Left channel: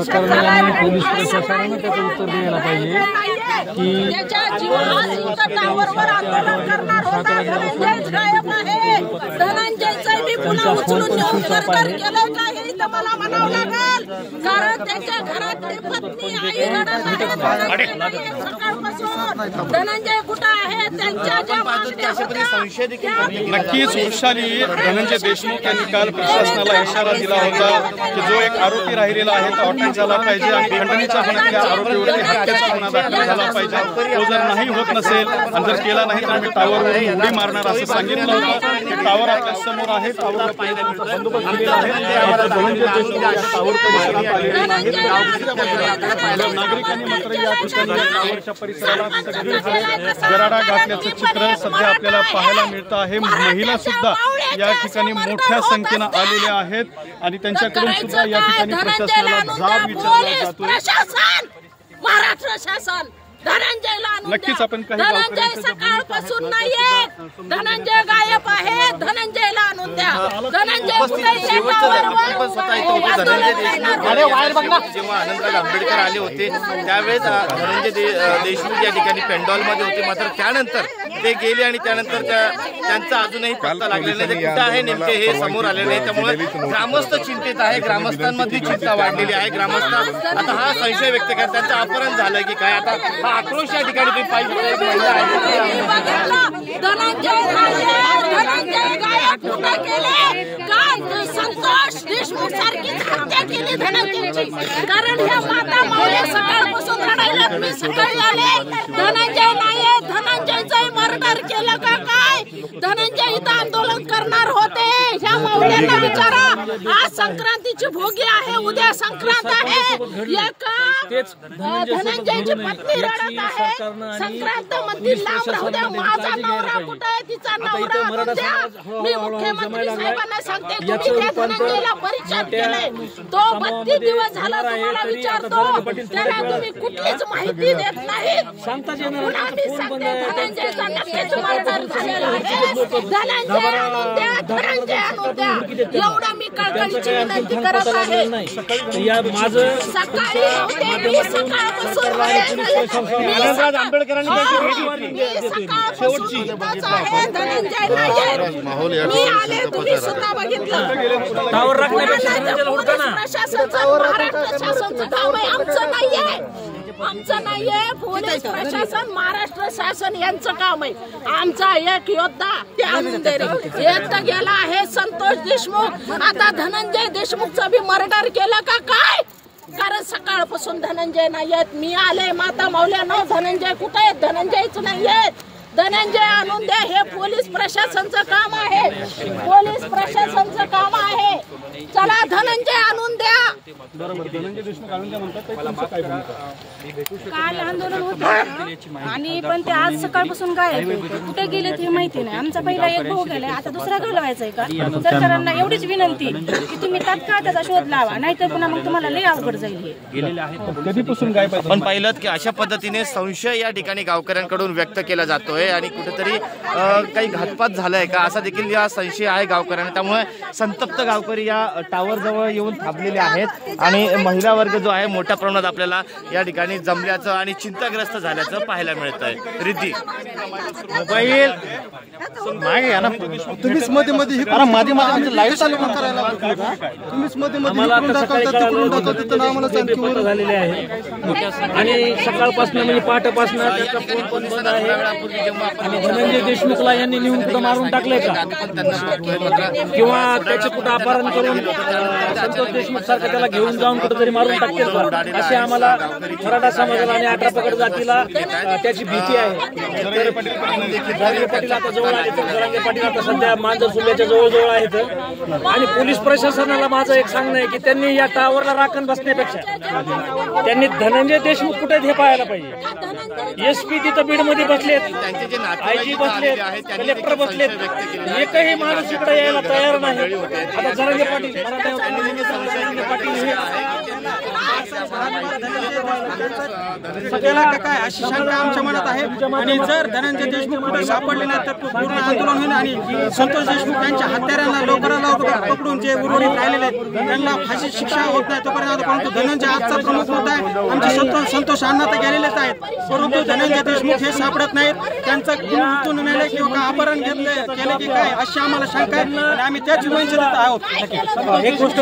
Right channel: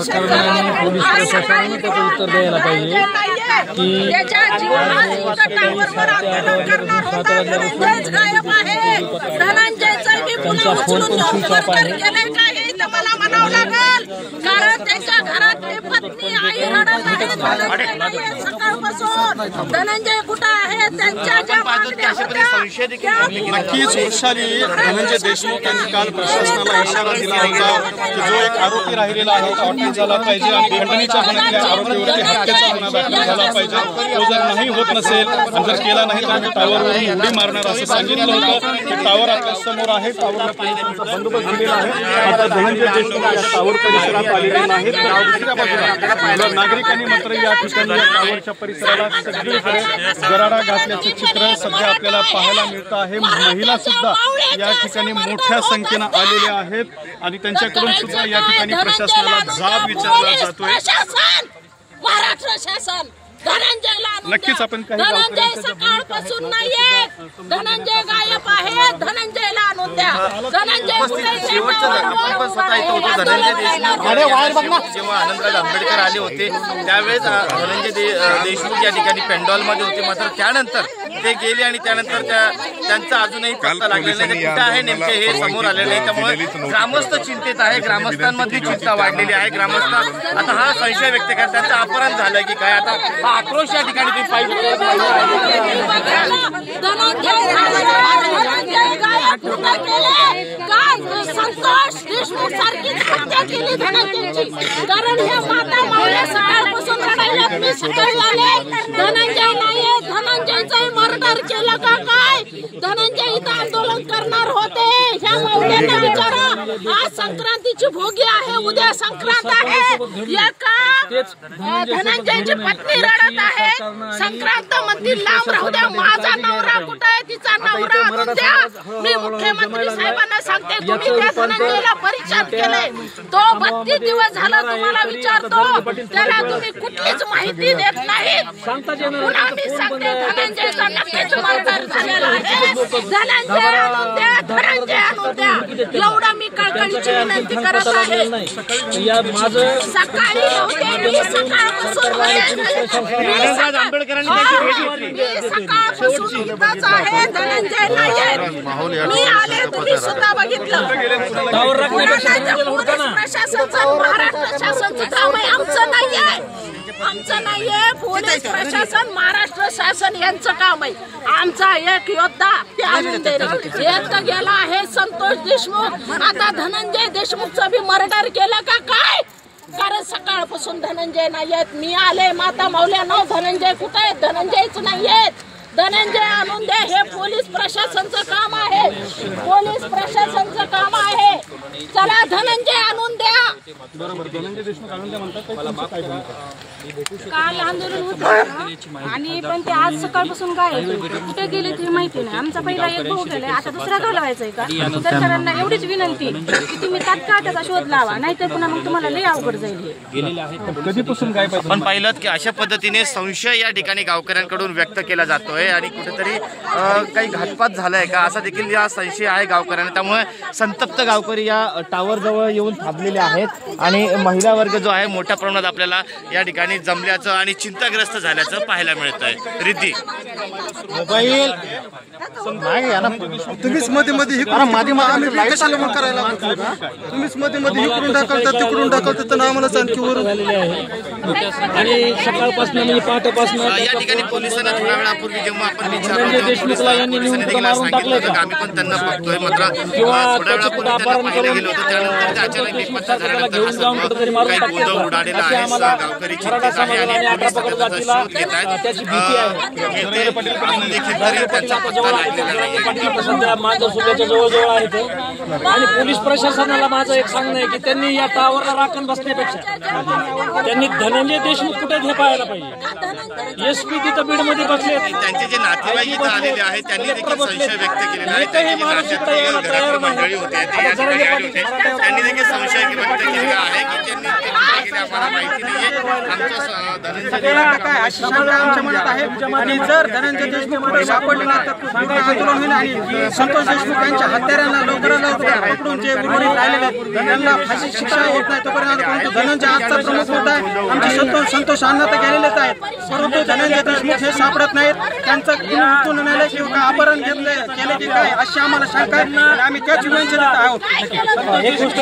सरकारने पोलीस प्रशासनाने त्याचं उत्तर द्यायला पाहिजे की त्यांचा फोन पण स्विच ऑफ आहे। नक्कीच वृषाली धनंजय देशमुख यांनी काल प्रशासनाला इशारा दिला होता की जो एक आरोपी राहिलेला आहे तो अटक झाला पाहिजे आणि खंडणीच्या गुन्ह्यातल्या आरोपीवरती हत्येचा गुन्हा दाखल झाला पाहिजे। तो जर नाही होत नसेल आणि जर केला नाही तर आम्ही टावरवरून उडी मारणार असं सांगितलं होतं। टावर आपल्या समोर आहे, टावर बंदोबस्त दिलेला आहे। धनंजय देशमुख या टावर परिसरात आलेले नाहीत, तर दुसऱ्या बाजूला नागरिकांनी मात्र या ठिकाणी टावरच्या परिसराला सगळीकडे गराडा घातल्याचं चित्र सध्या आपल्याला पाहायला मिळतं आहे। महिला सुद्धा या ठिकाणी मोठ्या संख्येनं आलेल्या आहेत आणि त्यांच्याकडून सुद्धा या ठिकाणी प्रशासनाला जाब विचारला जातोय। महाराष्ट्र शासन धनंजयला नक्कीच आपण काही धनंजय सकाळपासून नाहीये, धनंजय गायब आहे, धनंजयला आणून द्या। धनंजय जेव्हा अनंतराव आंबेडकर आले होते त्यावेळेस धनंजय देशमुख या ठिकाणी पेंडॉलमध्ये होते, मात्र त्यानंतर ते गेले आणि त्यानंतर त्यांचा अजूनही पत्ता लागलेला नाही, कुठे आहे नेमके हे समोर आले नाही। त्यामुळे ग्रामस्थ चिंतेत आहे, ग्रामस्थांमध्ये चिंता वाढलेली आहे। ग्रामस्थ आता हा संशय व्यक्त करतात त्यांचं अपहरण झालंय की काय, आता हा आक्रोश या ठिकाणी संतोष देशमुख सारखी हत्या केली धनंजयची, कारण ह्या माता मावळ्या सकाळपासून लढायला मी सकाळी आले, धनंजय नाहीये, धनंजयचं मर्डर केलं का काय? धनंजय इथं आंदोलन करणार होते, ह्या मावळ्यांना विचारा। आज संक्रांतीची भोगी आहे, उद्या संक्रांत आहे, धनंजयची पत्नी रडत आहे, संक्रांत मंदिर लांब राहू द्या, माझा नवरा कुठे आहे, तिचा नवरा द्या। मी मुख्यमंत्री साहेबांना सांगते तुम्ही त्या धनंजयला परिचय केले, तो 32 दिवस झाला तुम्हाला विचारतो, त्याला तुम्ही कुठलीच माहिती देत नाही। धनंजयचा नक्कीच मर्डर झालेला आहे, धनंजय आणून द्या, धनंजय आणून द्या, एवढा मी कळकळीची विनंती करत आहे। सकाळी आंबेडकरांनी टावर राखण्यापेक्षा आमचं नाहीये, पोलीस प्रशासन महाराष्ट्र शासन यांचं काम आहे। आमचा एक योद्धा ते आणून देईल, एक तर गेला आहे संतोष देशमुख, आता धनंजय देशमुखचं बी मर्डर केलं का काय? कारण सकाळपासून धनंजय नाहीयेत, मी आले माता मावल्यानं, धनंजय कुठे आहेत? धनंजयच नाहीयेत, धनंजय आणून द्या, हे पोलीस प्रशासनचं काम आहे, पोलीस प्रशासनचं काम आहे। चला धनंजय आणून द्या। धनंजय देशमुख आणून द्या म्हणतात, काल आंदोलन होते आणि पण ते आज सकाळपासून गायब, कुठे गेले ते माहिती नाही। आमचा पहिला एक भाऊ गेलाय, आता दुसरा घालवायचाय का? सरकारला एवढीच विनंती की तुम्ही तात्काळ त्याचा शोध लावा, नाहीतर पुन्हा मग तुम्हाला लय अवघड जाईल। हे गेलेले आहेत कधीपासून गायब आहेत? पण पाहिलं की अशा पद्धतीने संशय या ठिकाणी गावकऱ्यांकडून व्यक्त केला जातोय आणि कुठेतरी काही घातपात झालाय का असा देखील या संशय आहे गावकऱ्यांना। त्यामुळे संतप्त गावकरी या टावर जवळ येऊन थांबलेले आहेत आणि महिला वर्ग जो आहे मोठ्या प्रमाणात आपल्याला या ठिकाणी जमल्याचं आणि चिंताग्रस्त झाल्याचं पाहायला मिळत आहे। रिद्धी मोबाईल तुम्हीच मध्ये मध्ये करायला तुम्हीच मध्ये मध्ये इकडून ढकलता तिकडून ढकलता तर आम्हाला आणखी वर झालेले आहे आणि सकाळपासून म्हणजे पहाटेपासून धनंजय देशमुखला यांनी नेऊन कुठं मारून टाकलंय का? आम्ही पण त्यांना बघतोय, मात्र किंवा त्याचे कुठं अपहरण करून संतोष देशमुख सारखं त्याला घेऊन जाऊन कुठेतरी मारून टाकतील का? असे आम्हाला मराठा समाजाला आणि 18 पगड जातीला त्याची भीती आहे। धनंजय पाटील आता जवळ आहेत, धनंजय पाटील आता सध्या मांजर सुल्याच्या जवळ आहेत आणि पोलीस प्रशासनाला माझं एक सांगणं आहे की त्यांनी या टावरला राखण बसण्यापेक्षा त्यांनी धनंजय देशमुख कुठे हे पाहायला पाहिजे। SP तिथं बीडमध्ये बसले, त्यांचे जे नातेवाईक इथं आलेले आहेत त्यांनी देखील संशय व्यक्त केलेला आहे. एकही माणूस इकडे यायला तयार नाही. मंडळी होते ते या ठिकाणी आले होते. त्यांनी देखील संशय व्यक्त केलेला आहे की त्यांनी ते कुठे गेले आम्हाला माहिती नाहीये. आमच्या धनंजय काय अशी शंका आमच्या मनात आहे आणि जर धनंजय देशमुख कुठे सापडले ना तर पूर्ण आंदोलन होईल आणि संतोष देशमुख यांच्या हत्यारांना लवकरात लवकर पकडून जे उर्वरित राहिलेले आहेत त्यांना फाशी शिक्षा होत नाही तोपर्यंत. परंतु धनंजय आजचा प्रमुख होता आहे. आमचे संतोष अण्णा तर गेलेलेच आहेत परंतु धनंजय देशमुख हे सापडत नाहीत. त्यांचं गुन्हा नेलं किंवा काय अपहरण केले की काय अशी आम्हाला शंका आहे आणि आम्ही त्याच विनंती आहोत. एक गोष्ट